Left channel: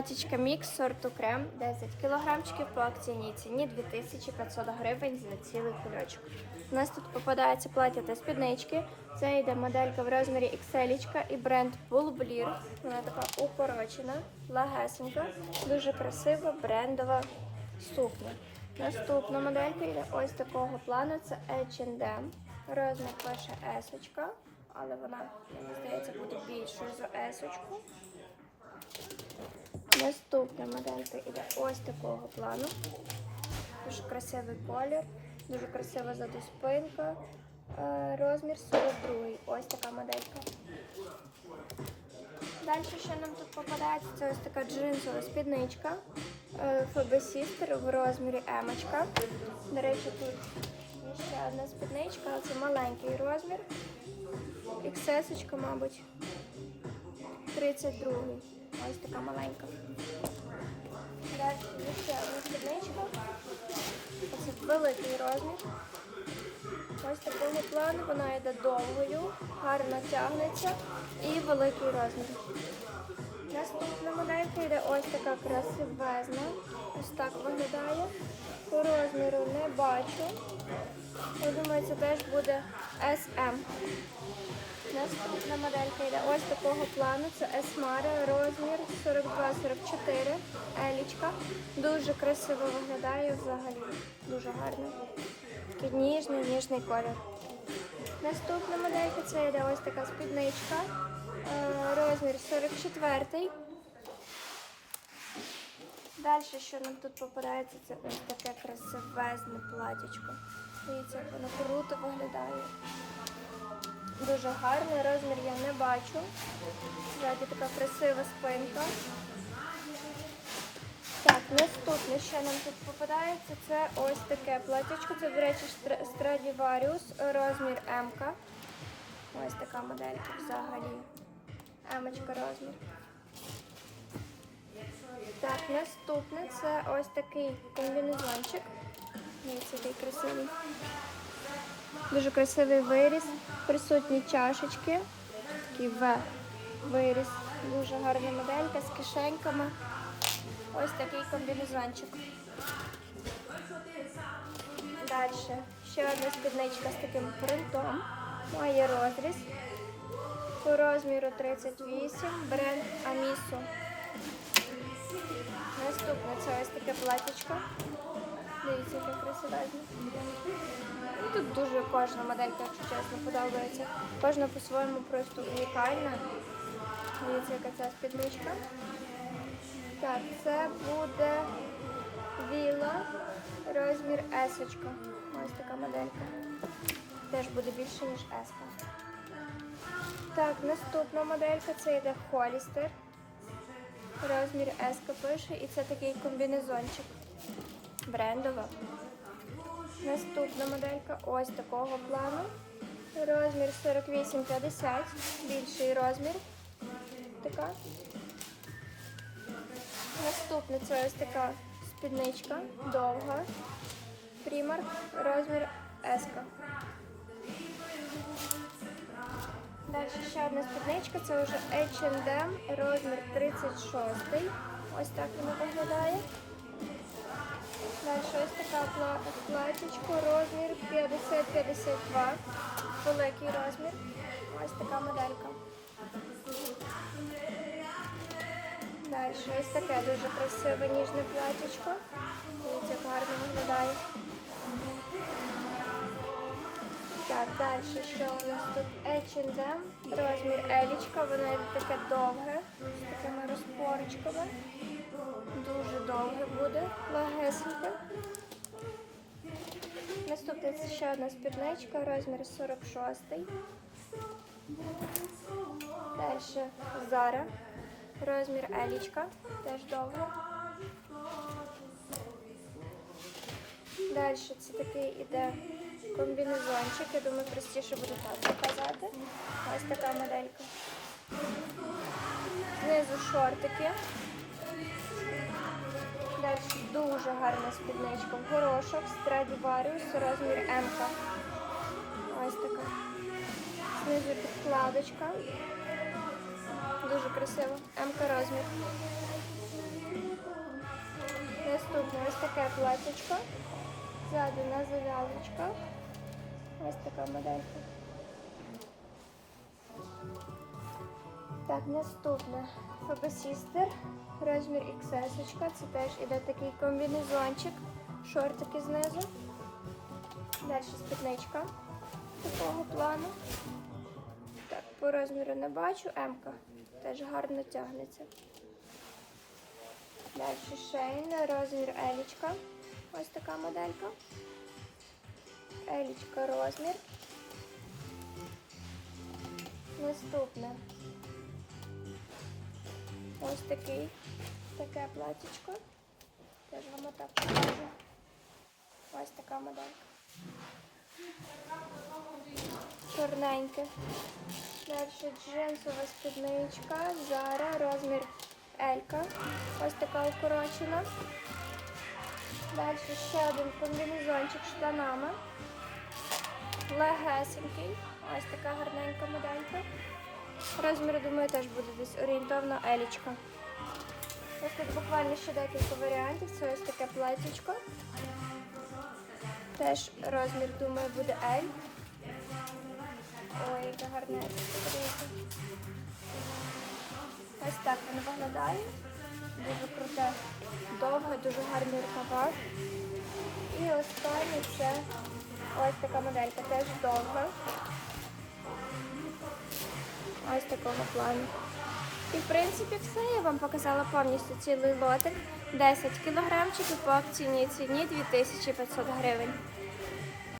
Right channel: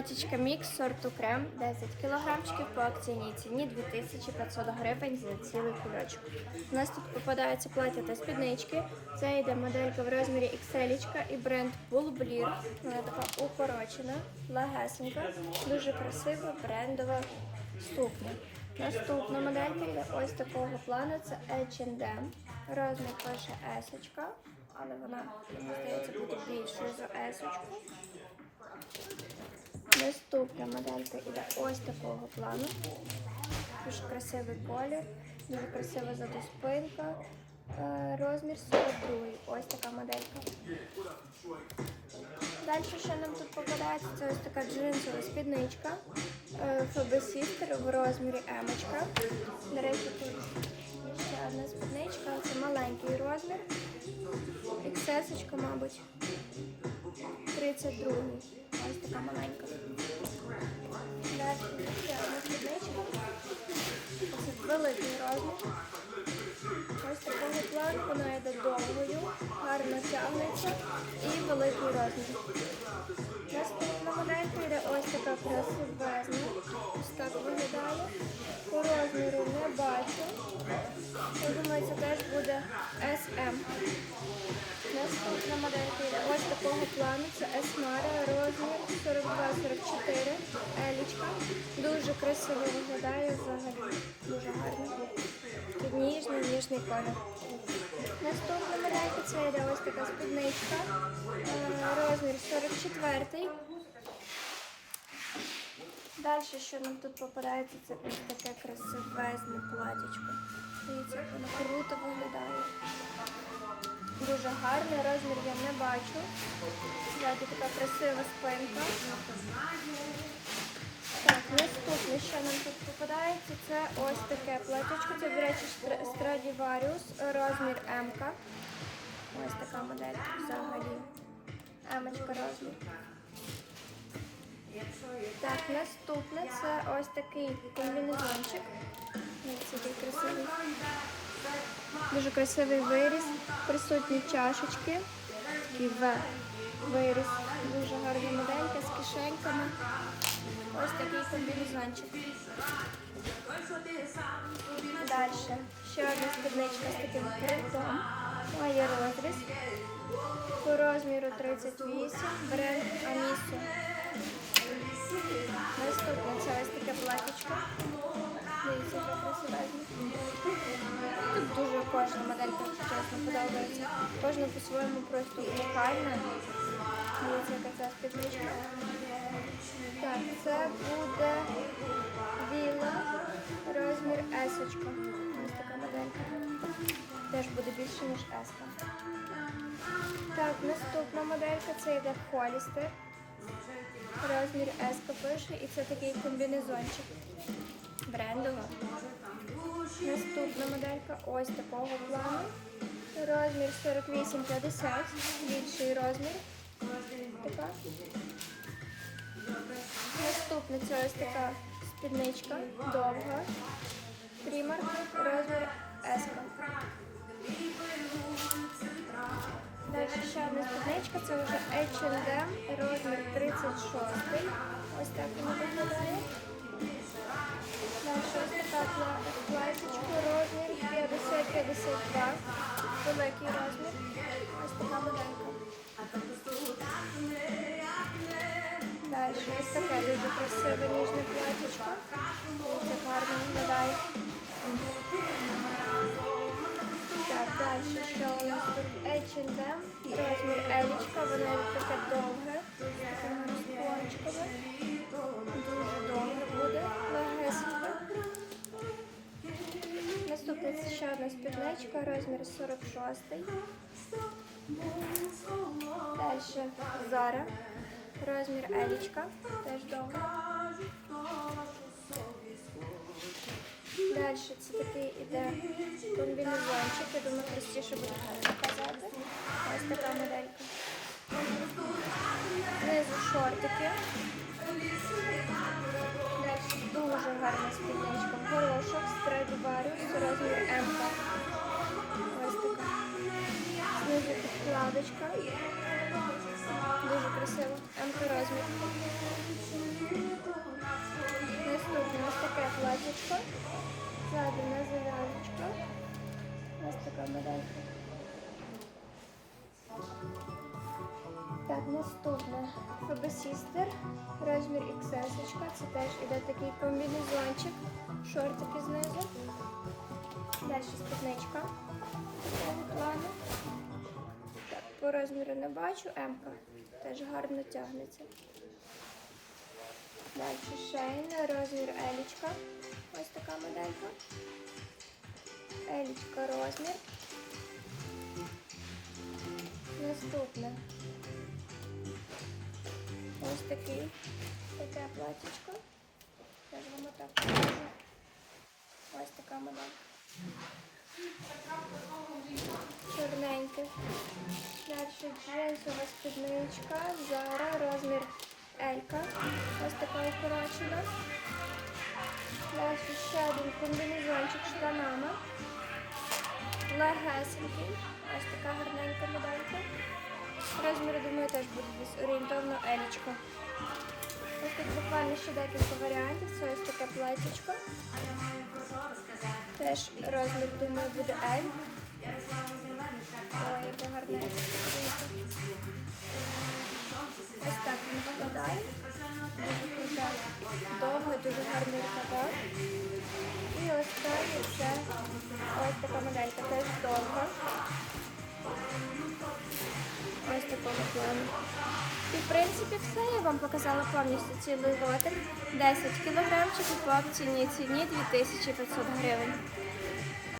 Платічка мікс сорту крем 10 кілограмчиків по акційній ціні 2500 гривень за цілий кульочок. У нас тут попадається плаття та спіднички. Це йде моделька в розмірі XL і бренд Bulblir. Вона така укорочена, легесенька, дуже красива брендова сукня. Наступна моделька йде ось такого плану. Це H&M. Розмір пише S, але вона, мені здається, буде більшою за S. Наступна моделька іде ось такого плану. Дуже красивий колір, дуже красива ззаду спинка. Е, Розмір 42. Ось така моделька. Далі, що нам тут попадається, це ось така джинсова спідничка е, FB Sister в розмірі М. До речі, тут ще одна спідничка, це маленький розмір. XS, мабуть. 32. Ось така маленька. Далі ще одна спідничка. Ось великий розмір. Ось такого плану вона йде довгою, гарно тягнеться і великий розмір. Наступна моделька йде ось така красивезна. Ось так виглядає. По розміру не бачу. Я думаю, це теж буде SM. Наступна моделька йде ось такого плану. Це Esmara, розмір 42-44, елічка. Дуже красиво виглядає взагалі. Дуже гарно. Такий ніжний, ніжний колір. Наступна моделька це йде ось така спідничка. Е, Розмір 44. Далі, що нам тут попадається, це ось таке красивезне платічко. Дивіться, воно круто виглядає. Дуже гарний розмір я не бачу. Ззаді така красива спинка. Так, наступне, що нам тут попадається, це ось таке платічко. Це, до речі, Стра- Stradivarius, розмір М. Ось така моделька взагалі. М розмір. Так, наступне це ось такий комбінезончик. Ось який красивий. Дуже красивий виріс. Присутні чашечки. Такий В виріс. Дуже гарна моделька з кишеньками. Ось такий комбінезончик. Далі. Ще одна спідничка з таким принтом. Має розріз. По розміру 38. Бренд Амісу. Наступне це ось таке платічко. Дивіться, яке красивезне. Тут дуже кожна моделька, якщо чесно, подобається. Кожна по-своєму просто унікальна. Дивіться, яка ця спідничка. Так, це буде віла, розмір S. Ось така моделька. Теж буде більше, ніж S. Так, наступна моделька це йде Холістер. Розмір S пише і це такий комбінезончик. Брендова. Наступна моделька ось такого плану. Розмір 48-50, більший розмір. Така. Наступна це ось така спідничка, довга. Трімер, розмір S. Далі ще одна спідничка, це вже H&M, розмір 36. Ось так воно виглядає. Далі ось така пла- платічко, розмір 50-52, великий розмір. Ось така моделька. Далі ось таке дуже красиве ніжне платічко. Дивіться, гарно виглядає. Так, далі що у нас тут H&M, розмір елічка, вона така довга, з такими розпорочками. Дуже довге буде, легесенько. Наступна це ще одна спідничка, розмір 46. Далі Зара, розмір елічка, теж довга. Далі це такий іде комбінезончик. Я думаю, простіше буде так показати. Ось така моделька. Знизу шортики. Дуже гарна спідничка. Горошок, Stradivarius, розмір М. Ось така. Знизу підкладочка. Дуже красиво. М розмір. Наступне ось таке платічко. Ззаді на зав'язочках. Ось така моделька. Так, наступне Фаби Sister, розмір XS. Це теж іде такий комбінезончик, шортики знизу. Далі спідничка такого плану. Так, по розміру не бачу, М-ка теж гарно тягнеться. Далі шейна, розмір елічка. Ось така моделька. Елічка розмір. Наступне. Ось такий. Таке платічко. Теж вам отак покажу. Ось така моделька. Чорненьке. Далі джинсова спідничка. Зара, розмір Елька. Ось така укорочена. Далі ще один комбінезончик з штанами. Легесенький. Ось така гарненька моделька. Розмір, думаю, теж буде десь орієнтовно елічка. Ось тут буквально ще декілька варіантів. Це ось таке платічко. Теж розмір, думаю, буде L. Ой, гарне. Подивіться. Ось так воно виглядає. Дуже круте. Довге, дуже гарний рукава. І останнє це ось така моделька, теж довга. Ось такого плану. І в принципі все. Я вам показала повністю цілий лотик. 10 кілограмчиків по акційній ціні 2500 гривень.